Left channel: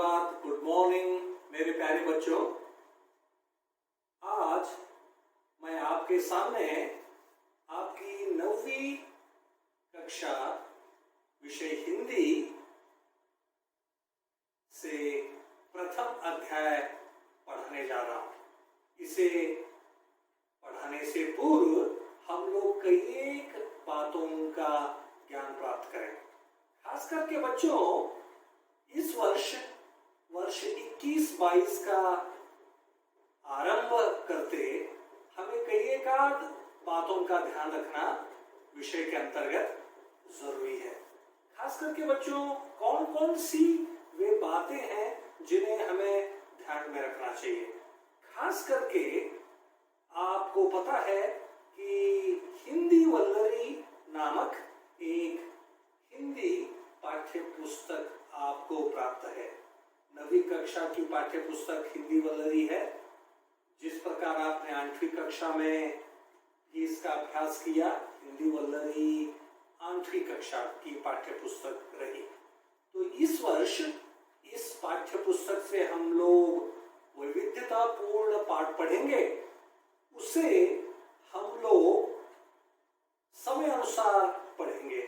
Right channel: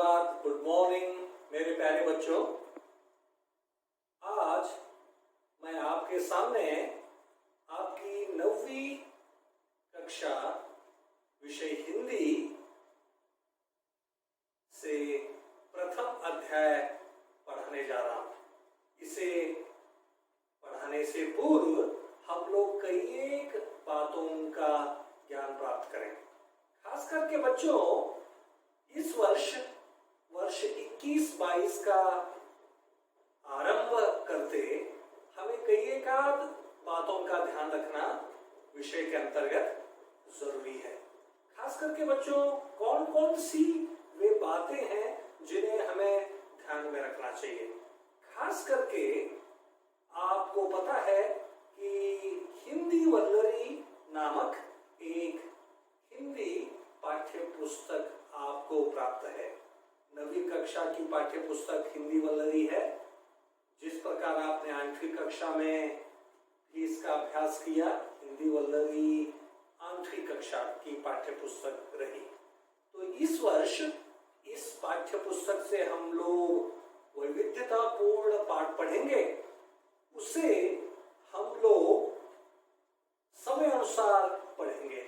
सुप्रभात, good morning मेरे प्यारे बच्चों। आज मैं आपके सामने आपकी 9वीं कक्षा विषय हिंदी से प्रथम अध्याय पढ़ाने जा रहा हूं। इसे पढ़ाने से पूर्व हम लोग कई एक बातों का ज्ञान प्राप्त करें। खास करके बच्चों, इस वर्ष 21-22 का आरंभ करते हमें कई एक बातों का ध्यान रखना विषय के अंतर्गत जरूरी है। खास करके बच्चों, कौन कौन सी वे बातें हैं जिन्हें हमें ध्यान में रखना चाहिए। खास करके आपको पता है कि हिंदी वल्लरी नामक एक हिंदी पाठ्य पुस्तक आपको प्राप्त है। 9वीं कक्षा की पाठ्य पुस्तक हिंदी वल्लरी है। जिस प्रकार आपने 8वीं कक्षा में भी इसका अभ्यास किया, हिंदी वल्लरी 8वीं कक्षा की पाठ्य पुस्तक रही। तो इस वर्ष इस पाठ्य पुस्तक से हम लोग वैविध्यतापूर्ण पाठ पढ़ेंगे। उसे हम लोग समय अनुसार पढ़ेंगे।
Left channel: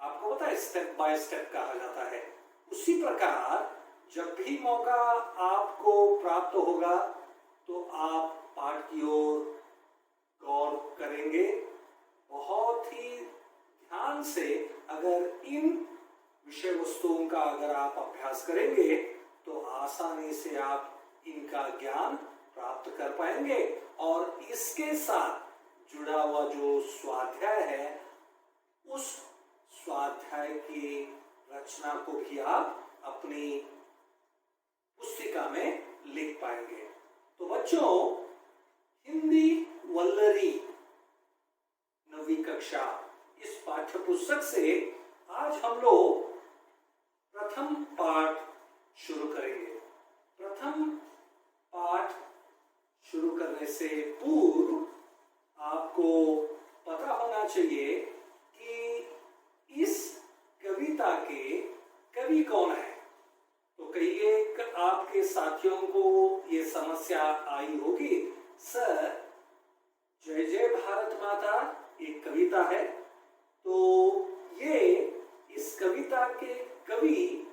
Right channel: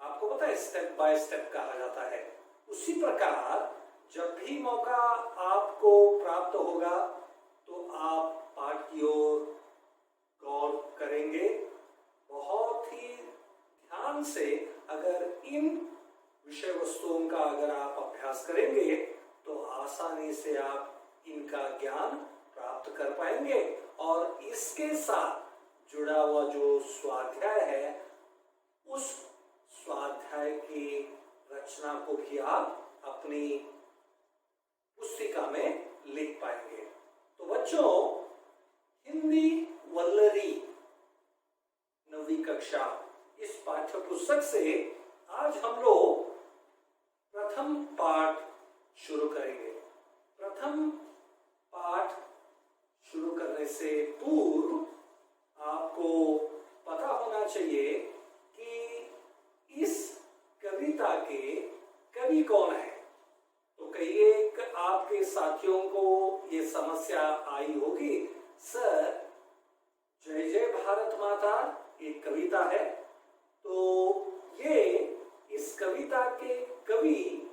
आपको पता है, स्टेप बाय स्टेप कहा जाता है। उसी प्रकार जब भी मौका आपको प्राप्त होगा तो आप पाठ की ओर गौर करेंगे। बहुत ही ध्यान से अगर इन विषय वस्तुओं का अगर आप अभ्यास करेंगे तो आसानी से आप इनका ज्ञान प्राप्त कर पाएंगे और इसके साथ जुड़ा हुआ जो स्वाध्याय है, उस स्वाध्याय की रचना को भी आप अपनी पुस्तिका में लिख पाएंगे। तो बच्चों, हिंदी वल्लरी 9वीं कक्षा इस पाठ्य पुस्तक से आज हम लोग प्रथम पाठ शुरू करेंगे। प्रथम पाठ शुरू करने से पूर्व आपको पता होना चाहिए कि इस कविता के कवि कौन है। तो कई एक आपके साथियों को ये समस्या आई होगी, सर जय जय भारत माता एक कविता है, तो ये इस कविता के कवि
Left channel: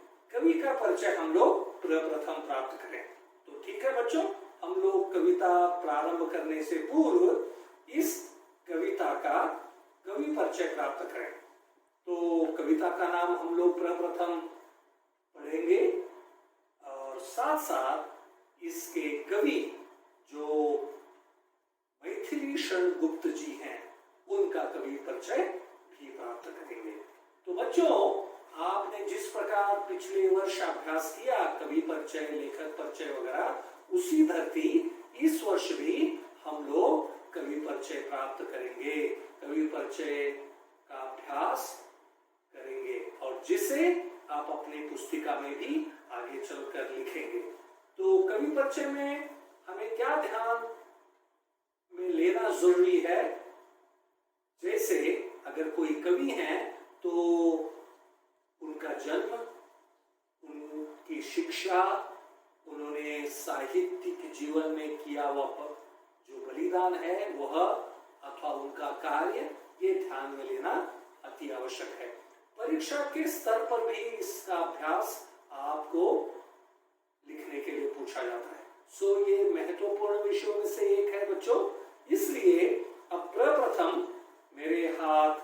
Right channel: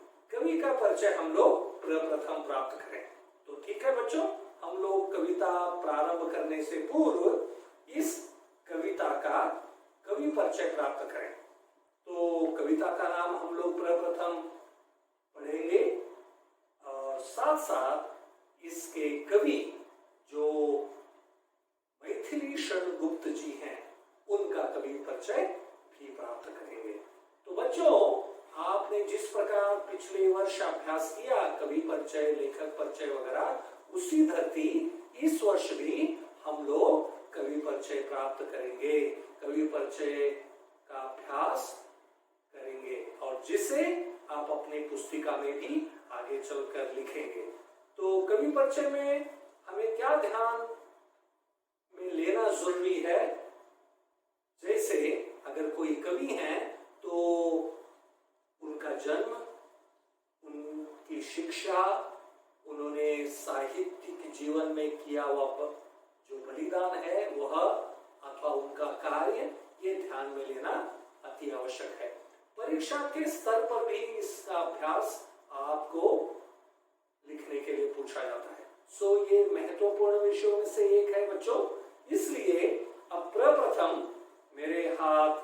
का परिचय हम लोग प्रथम प्राप्त करें। तो ठीक है बच्चों, हम लोग कविता प्रारंभ करने से पूर्व इस कविता का कवि परिचय प्राप्त करें। तो कविता का नाम हम लोग प्रथम पढ़ेंगे और साथ साथ इसके कवि जो मैथिली शरण गुप्त जी हैं, उनका कवि परिचय भी प्राप्त करेंगे। तो बच्चों, आपने जिस प्रकार पिछले वर्ष अभ्यास किया कवि परिचय, लेखक परिचय वगैरह, उसी धरती इस वर्ष भी हम लोग कवि परिचय प्राप्त करेंगे, कवि परिचय का अभ्यास करेंगे और जिसे आप अपनी पुस्तिका में भी आगे चलकर लिखेंगे। तो कवि परिचय में हमें क्या ध्यान में लेना जरूरी है। जैसे अगर कोई कवि हैं तो उनका जन्म, उनकी शिक्षा, उन्होंने साहित्यिक जीवन में किया हुआ जो बलिदान है वह, अथवा उनका कार्य, ये ध्यान में लेना अति आवश्यक है। परीक्षा के स्तर पर भी इसका अभ्यास आपको लिखने के लिए पूछा जाता है। सो ये महत्वपूर्ण विषयों में से एक है बच्चों। इसलिए अब प्रथम मेरे हाथ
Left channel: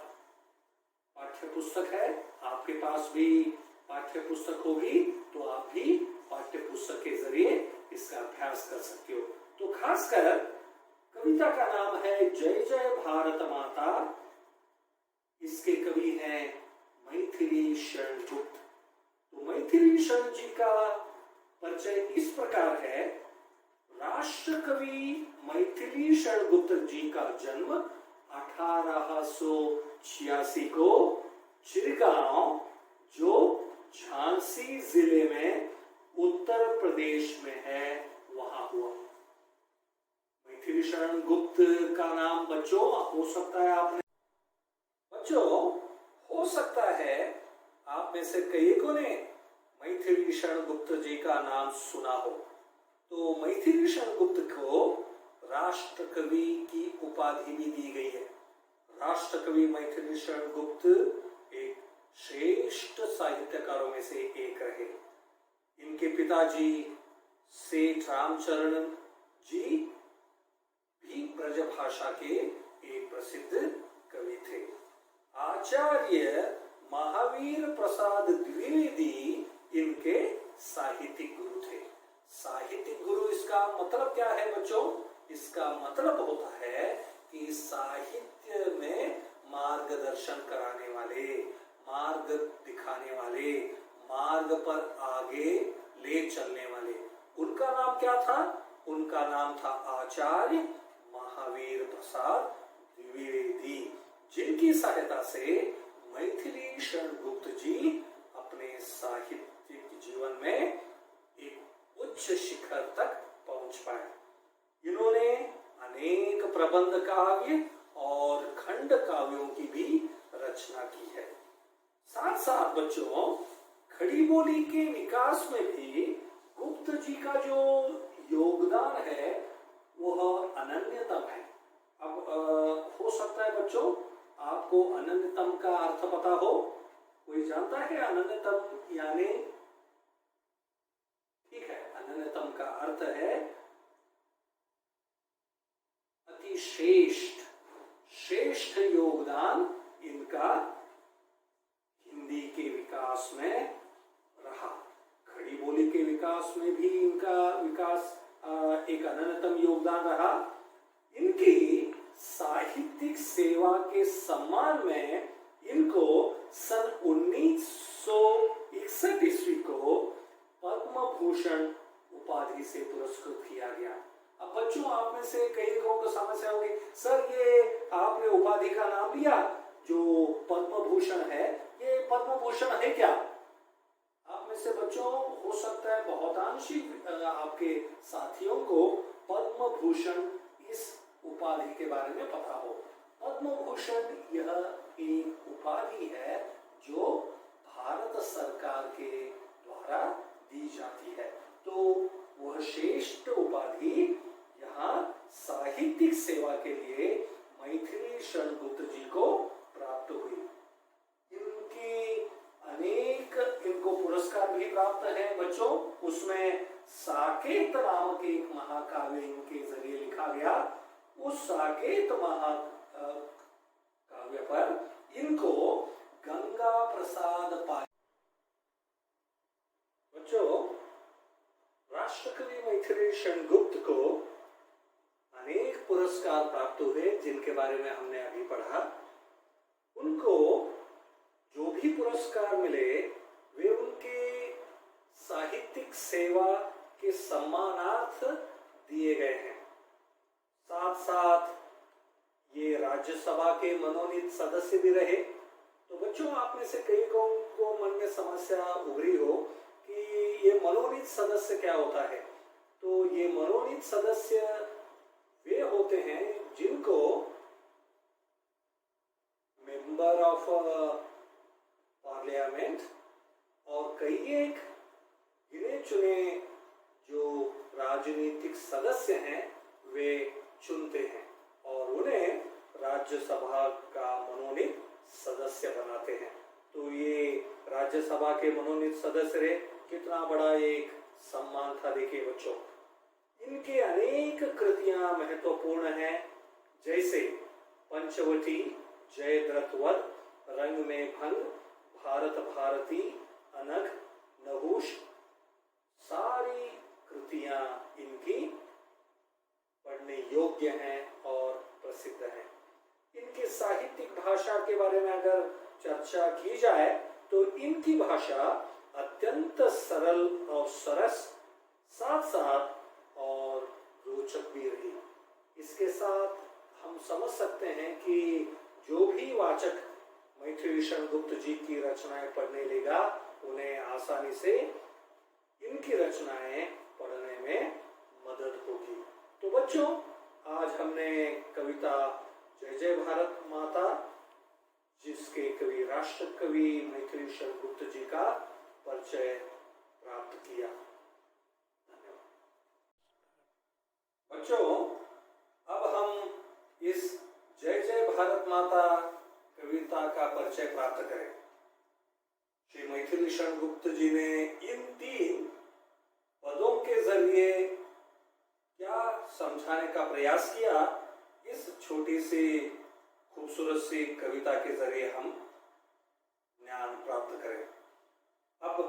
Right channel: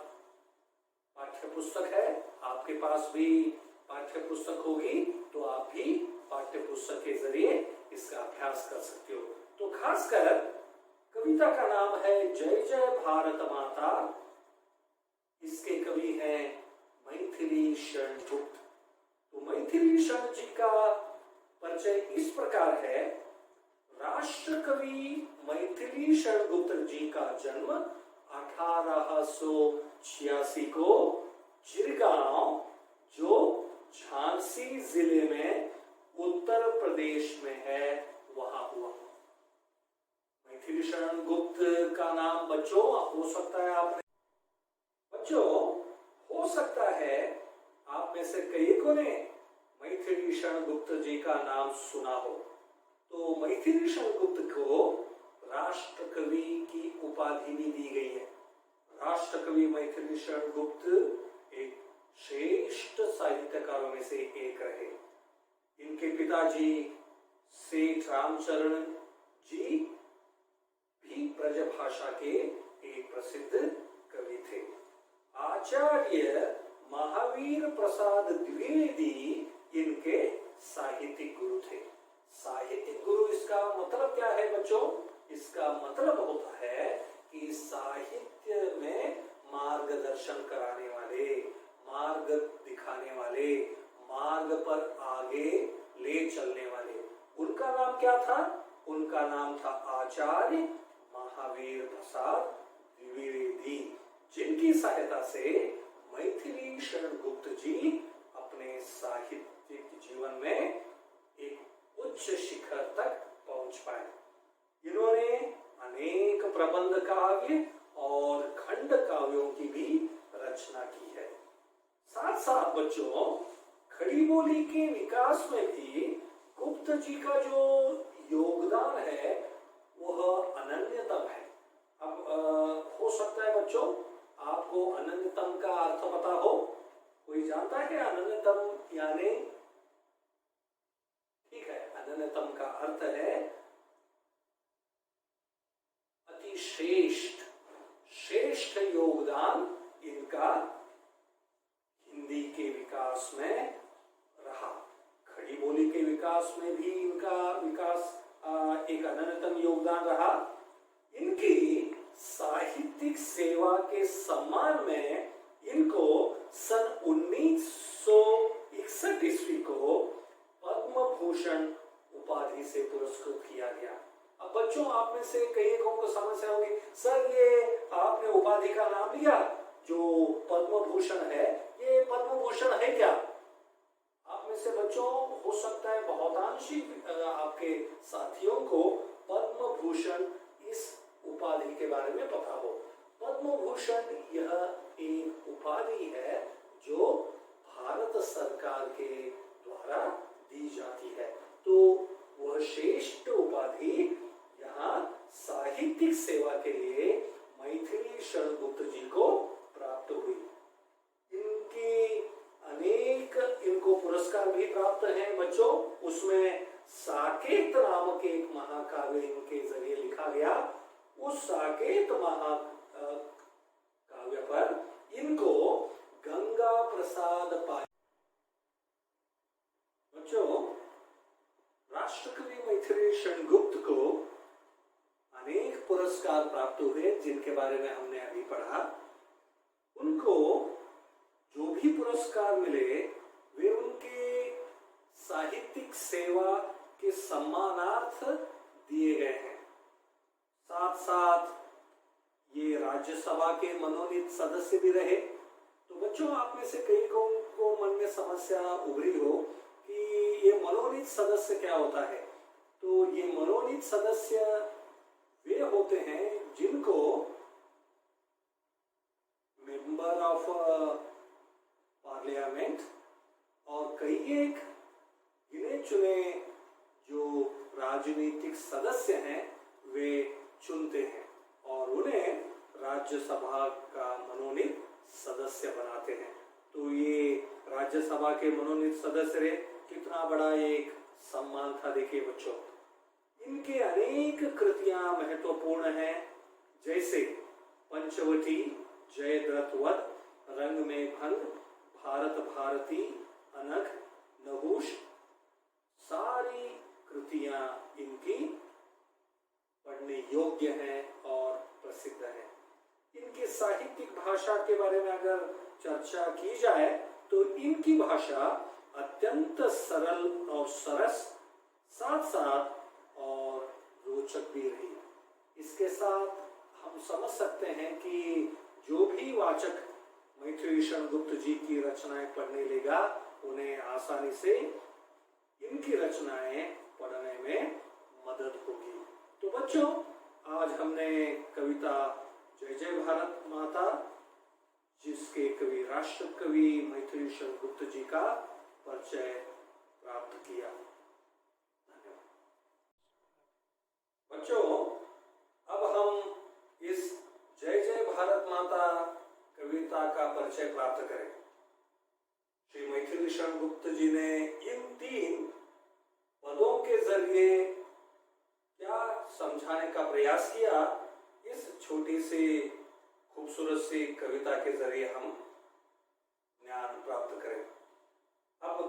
पाठ्य पुस्तक है, आपके पास भी पाठ्य पुस्तक होगी, तो आप भी पाठ्य पुस्तक के जरिए इसका अभ्यास कर सकते हो। तो खासकर कविता का नाम है जय जय भारत माता। इसके कवि हैं मैथिली शरण गुप्त। तो मैथिली शरण जी का परिचय इस प्रकार है। राष्ट्र कवि मैथिली शरण गुप्त जी का जन्म 1886 को चिरगांव, जो झांसी जिले में उत्तर प्रदेश में है, वहां हुआ। मैथिली शरण गुप्त का नाम बच्चों हो सकता है आपने, बच्चों हो सकता है आप में से कई को ने मैथिली शरण गुप्त गुप्त जी का नाम सुना हो तो मैथिली शरण गुप्त को राष्ट्र कवि की उपाधि भी दी गई है। राष्ट्र कवि मैथिली शरण गुप्त एक श्रेष्ठ साहित्यकारों में से एक रहे। इनके पिताजी सेठ रामचरण जी भी ब्रजभाषा के एक प्रसिद्ध कवि थे। आचार्य महावीर प्रसाद द्विवेदी इनके साहित्यिक गुरु थे। साहित्यिक गुरु इसका मतलब क्या है बच्चों? इसका मतलब होता है कि साहित्य में मार्गदर्शन कराने वाले, मार्ग दिखाने वाले, मार्ग पर आगे ले चलने वाले। उनका नाम क्या था? उनका नाम था आचार्य महावीर प्रसाद द्विवेदी, जिनकी सहायता से मैथिली शरण गुप्त जी अपने साहित्यिक जीवन में एक उच्च शिखर तक पहुंच पाए। इन्होंने अनेक प्रबंध काव्य और खंड काव्यों की भी रचना की है। साथ साथ बच्चों खड़ी बोली के विकास में भी गुप्त जी का जो योगदान है वह अनन्यतम है। अब हो सकता है बच्चों आपको अनन्यतम का अर्थ पता हो। कोई जानता है अनन्यतम यानी? ठीक है, अनन्यतम का अर्थ है अति श्रेष्ठ, श्रेष्ठ योगदान इनका हिंदी के विकास में रहा। खड़ी बोली के विकास में भी इनका विकास एक अनन्यतम योगदान रहा। इनकी साहित्यिक सेवा के सम्मान में इनको सन 1961 ईस्वी को पद्म भूषण उपाधि से पुरस्कृत किया गया। अब बच्चों आप में से कई को समस्या होगी, सर ये आपने उपाधि का नाम लिया जो पद्म भूषण है, ये पद्म भूषण है क्या? आप में से बच्चों हो सकता है बहुतांशी आपके साथियों को पद्म भूषण इस उपाधि के बारे में पता हो। पद्म भूषण यह एक उपाधि है जो भारत सरकार के द्वारा दी जाती है। तो वह श्रेष्ठ उपाधि यहाँ साहित्यिक सेवा के लिए मैथिली शरण गुप्त जी को प्राप्त हुई। इनको पुरस्कार भी प्राप्त हैं बच्चों। उसमें साकेत नामक एक महाकाव्य इनके जरिए लिखा गया। उस साकेत महाकाव्य पर इनको गंगा प्रसाद पाल। बच्चों राष्ट्रकवि मैथिली शरण गुप्त को अनेक पुरस्कार प्राप्त हुए जिनके बारे में हमने अभी पढ़ा। उनको जो भी पुरस्कार मिले वे उनके साहित्यिक सेवा के सम्मानार्थ दिए गए हैं। साथ साथ ये राज्यसभा के मनोनीत सदस्य भी रहे। तो बच्चों आप में से कई को मन में समस्या उभरी हो कि ये मनोनीत सदस्य क्या होता है। तो ये मनोनीत सदस्य वे होते हैं जिनको मेंबर ऑफ पार्लियामेंट और कई एक गिने चुने जो राजनीतिक सदस्य हैं वे चुनते हैं और उन्हें राज्यसभा का मनोनीत सदस्य बनाते हैं। तो ये राज्यसभा के मनोनीत सदस्य रहे, कितना बड़ा एक सम्मान था। देखिए बच्चों इनके अनेक कृतियां महत्वपूर्ण हैं, जैसे पंचवटी, जयद्रथवध, रंग में भंग, भारत भारती, अनघ, नहुष, सारी कृतियां इनकी पढ़ने योग्य हैं और प्रसिद्ध हैं। इनकी साहित्यिक भाषा के बारे में अगर चर्चा की जाए तो इनकी भाषा अत्यंत सरल और सरस, साथ साथ और रोचक भी रही। इसके साथ हम समझ सकते हैं कि जो भी वाचक मैथिली शरण गुप्त जी की रचनाएं पढ़ने लेगा उन्हें आसानी से इनकी रचनाएं पढ़ने में मदद होगी। तो बच्चों आज हमने कविता जय जय भारत माता जिसके कवि राष्ट्र कवि मैथिली शरण गुप्त जी का परिचय प्राप्त किया। परिचय प्राप्त करें। श्री मैथिली शरण गुप्त जी ने इन 3 पदों के जरिए क्या समझाने का प्रयास किया, इस छोटी सी खूबसूरत सी कविता के जरिए हम ज्ञान प्राप्त करें। अब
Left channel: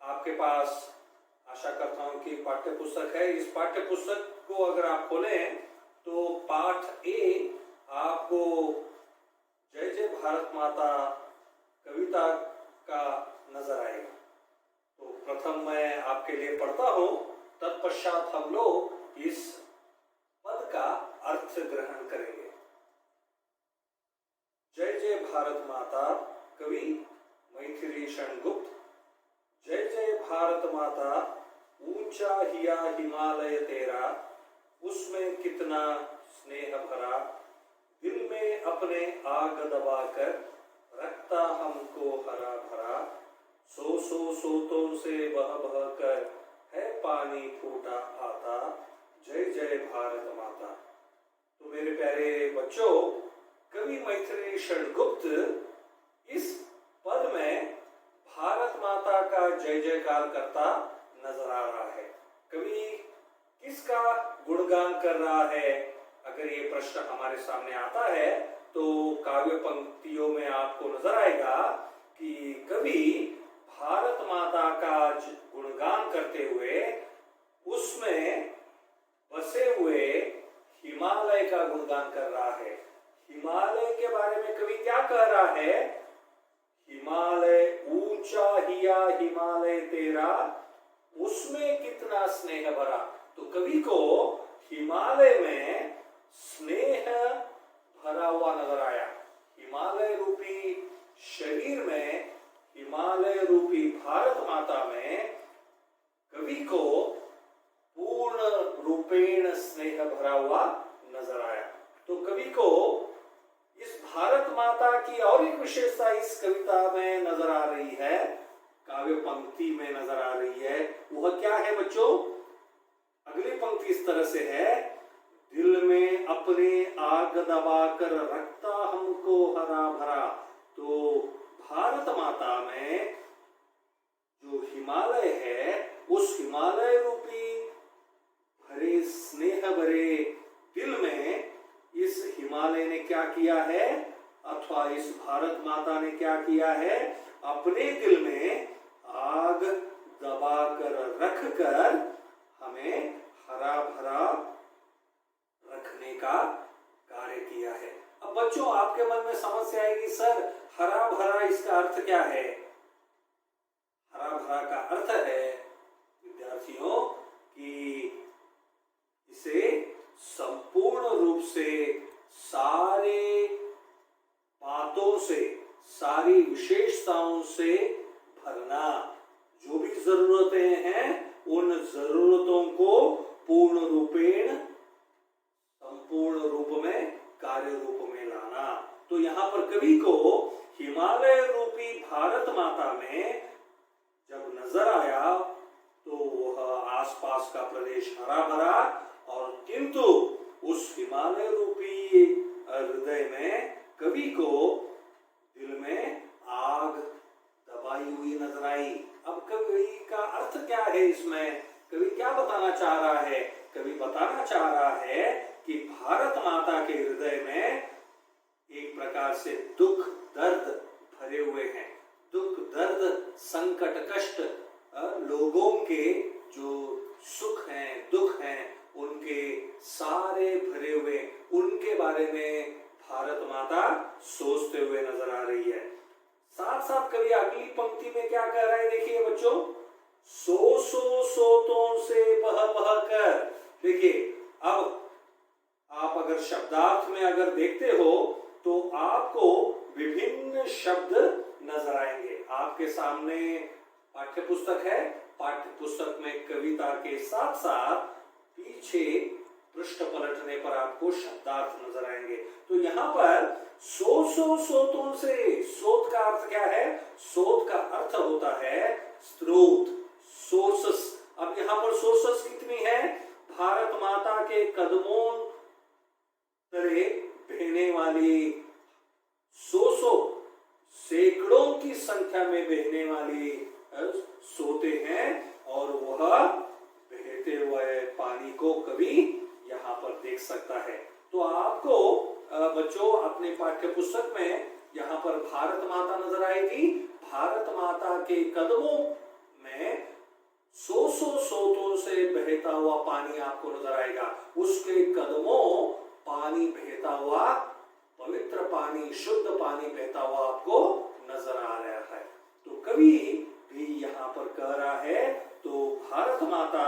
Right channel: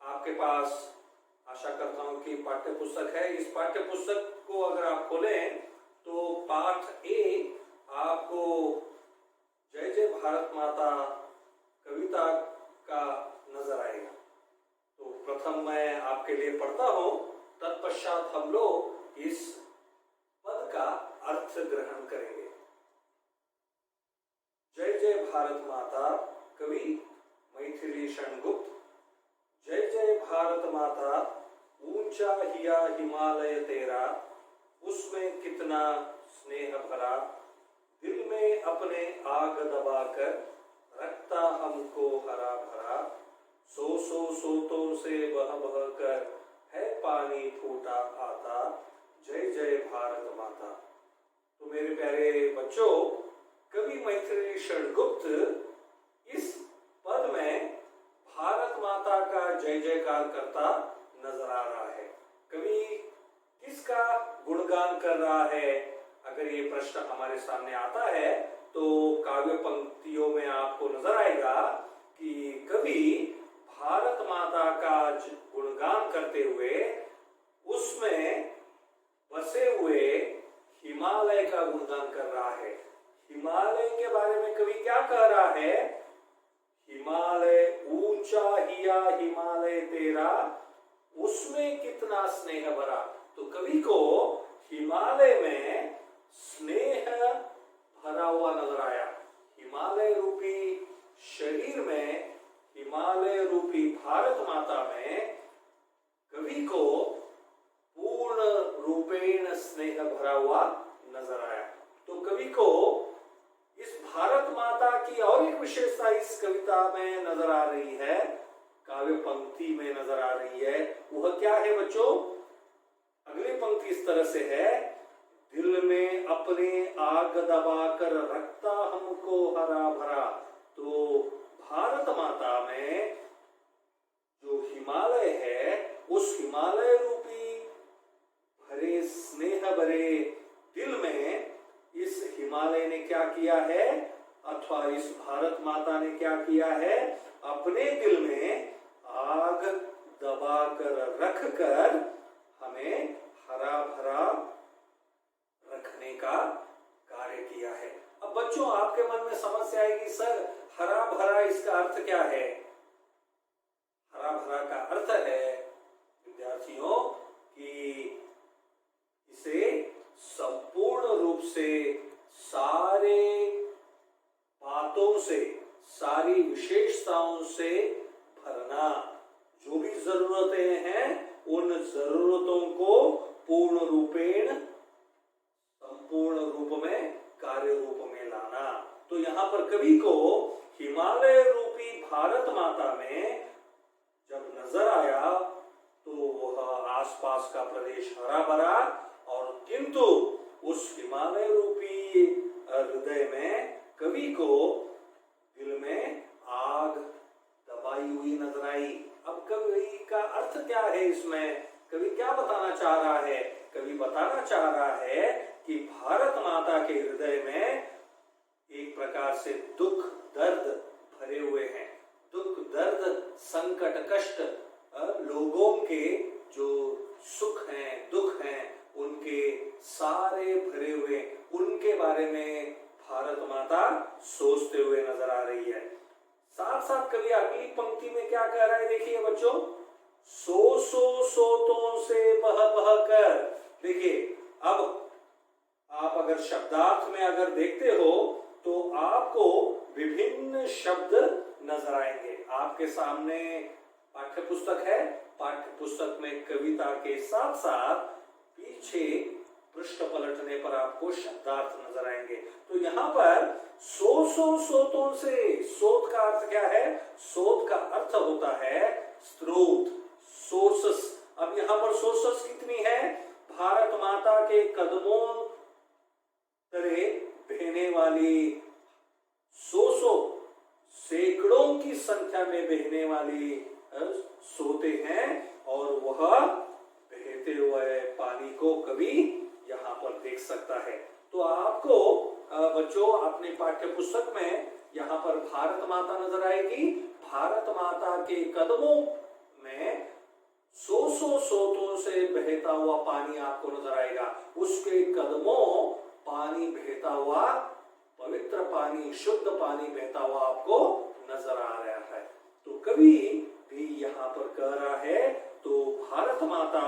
आपके पास आशा करता हूं कि पाठ्य पुस्तक है। इस पाठ्य पुस्तक को अगर आप खोलें तो पाठ ए आपको जय जय भारत माता कविता का नजर आएगा। तो प्रथम मैं आपके लिए पढ़ता हूं, तत्पश्चात हम लोग इस पद का अर्थ ग्रहण करेंगे। जय जय भारत माता, कवि मैथिली शरण गुप्त। जय जय भारत माता, ऊंचा हिया हिमालय तेरा, उसमें कितना स्नेह भरा, दिल में अपने आग दबाकर रखता हमको हरा भरा, सो सोतों से बह बह कर है पानी फूटा आता, जय जय भारत माता। तो मेरे प्यारे बच्चों, कवि मैथिली शरण गुप्त इस पद में भारत माता का जय जयकार करता नजर आ रहा है। कवि किसका गुणगान कर रहा है? अगर ये प्रश्न हमारे सामने आता है तो काव्य पंक्तियों में आपको नजर आएगा कि कवि भारत माता का गुणगान करते हुए उसमें बसे हुए हिमालय का गुणगान कर रहा है। हिमालय के बारे में कवि क्या कह रहा है? हिमालय ऊंचा हिया हिमालय तेरा, उसमें कितना स्नेह भरा। तो कवि को हिमालय में स्नेह भरा हुआ नजर आया। हिमालय रूपी शरीर में, हिमालय रूपी भारत माता में कवि को पूर्ण रूपेण स्नेह भरा हुआ नजर आया। तो कवि को इस भारत माता की और एक विशेषता इस कविता में नजर आ रही है, काव्य पंक्ति में नजर आ रही है। वह क्या है बच्चों? अगली पंक्ति इस तरह से है, दिल में अपने आग दबाकर रखता हमको हरा भरा। तो भारत माता में जो हिमालय है, उस हिमालय रूपी भरे स्नेह भरे दिल में इस हिमालय ने क्या किया है, अथवा इस भारत माता ने क्या किया है? अपने दिल में आग दबाकर रखकर हमें हरा भरा रखने का कार्य किया है। अब बच्चों, आपके मन में समस्या आएगी, सर हरा भरा इसका अर्थ क्या है? हरा भरा का अर्थ है विद्यार्थियों कि इसे संपूर्ण रूप से सारे बातों से, सारी विशेषताओं से भरना। जो भी जरूरतें हैं उन जरूरतों को पूर्ण रूपेण, संपूर्ण रूप में, कार्य रूप में लाना। तो यहाँ पर कवि को हिमालय रूपी भारत माता में जब नजर आया तो वह आसपास का प्रदेश हरा भरा, और किंतु उस हिमालय रूपी हृदय में कवि को दिल में आग दबाई हुई नजर आई। अब कवि का अर्थ क्या है इसमें? कवि क्या बताना चाह रहा है? कवि बताना चाह रहा है कि भारत माता के हृदय में एक प्रकार से दुख दर्द भरे हुए हैं। दुख दर्द संकट कष्ट, लोगों के जो सुख हैं दुख हैं उनके सारे भरे हुए, उनके बारे में भारत माता सोचते हुए नजर आ रही है। साथ साथ कवि अगली पंक्ति में क्या कह रहा है? देखिए बच्चों, सोतों से बह बह कर। देखिए, अब आप अगर शब्दार्थ में अगर देखते हो तो आपको विभिन्न शब्द नजर आएंगे। आपके सामने पाठ्य पुस्तक है, पाठ्य पुस्तक में कविता के साथ साथ पीछे पृष्ठ पलटने पर आपको शब्दार्थ नजर आएंगे। तो यहाँ पर सोतों से, सोत का अर्थ क्या है? सोत का अर्थ होता है स्रोत, सोर्सेस। अब यहाँ पर सोर्सेस कितनी है? भारत माता के कदमों तले बहने वाली में बहने वाली सोते हैं और वह बहते हुए पानी को कभी यहाँ पर देख सकता है। तो आपको बच्चों अपने पाठ्य पुस्तक में यहाँ पर भारत माता नजर आएगी। भारत माता के कदमों में सौ सोतों से बहता हुआ पानी आपको नजर आएगा। उसके कदमों पानी बहता हुआ, पवित्र पानी, शुद्ध पानी बहता हुआ आपको नजर आ रहा है। तो कवि भी यहाँ पर कह रहा है तो भारत माता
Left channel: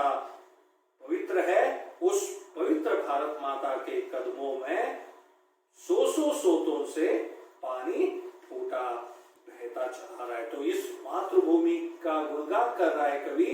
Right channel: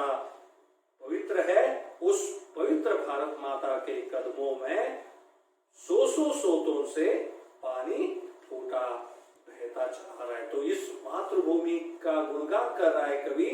पवित्र है, उस पवित्र भारत माता के कदमों में सौ सोतों से पानी फूटा बहता चला रहा है। तो इस मातृभूमि का गुणगान कर रहा है कवि